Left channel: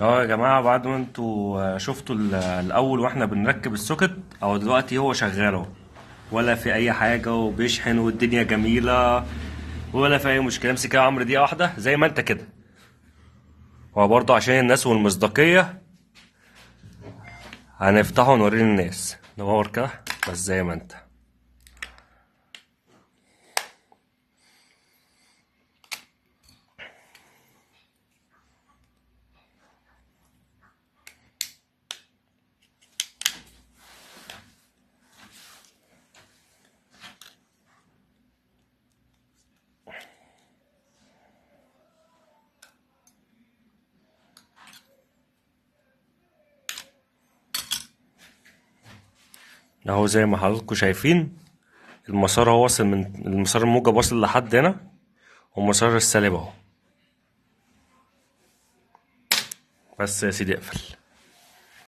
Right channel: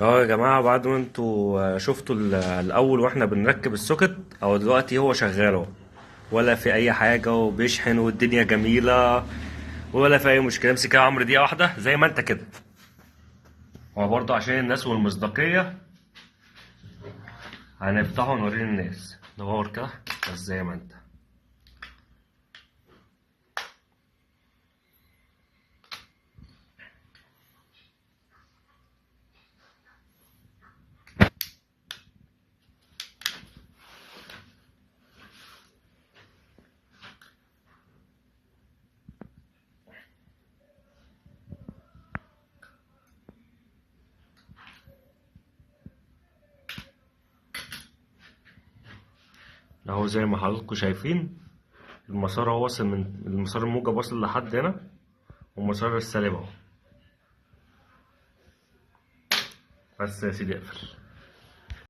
اه يا جماعة، بعد ما انتوا شفتوا الأول واحنا بنركب السوكت، أو دلوقتي هو شغال اهو، ولا في أي حاجة وبيشحن والدنيا جميلة، ولا في أي مشكلة. امسك يا عمرو دقيقة واحدة زي ما انت كده. هو برضه عشان الناس والمصداقية هنفتحه ونوريه للناس. نور كده بس زي ما انت. اهو زي ما حضراتكم شايفين، المسار هو واصل من المسار الموجب واصل لحد هنا، والمسار السالب اهو. بس يا سيدي اقفل.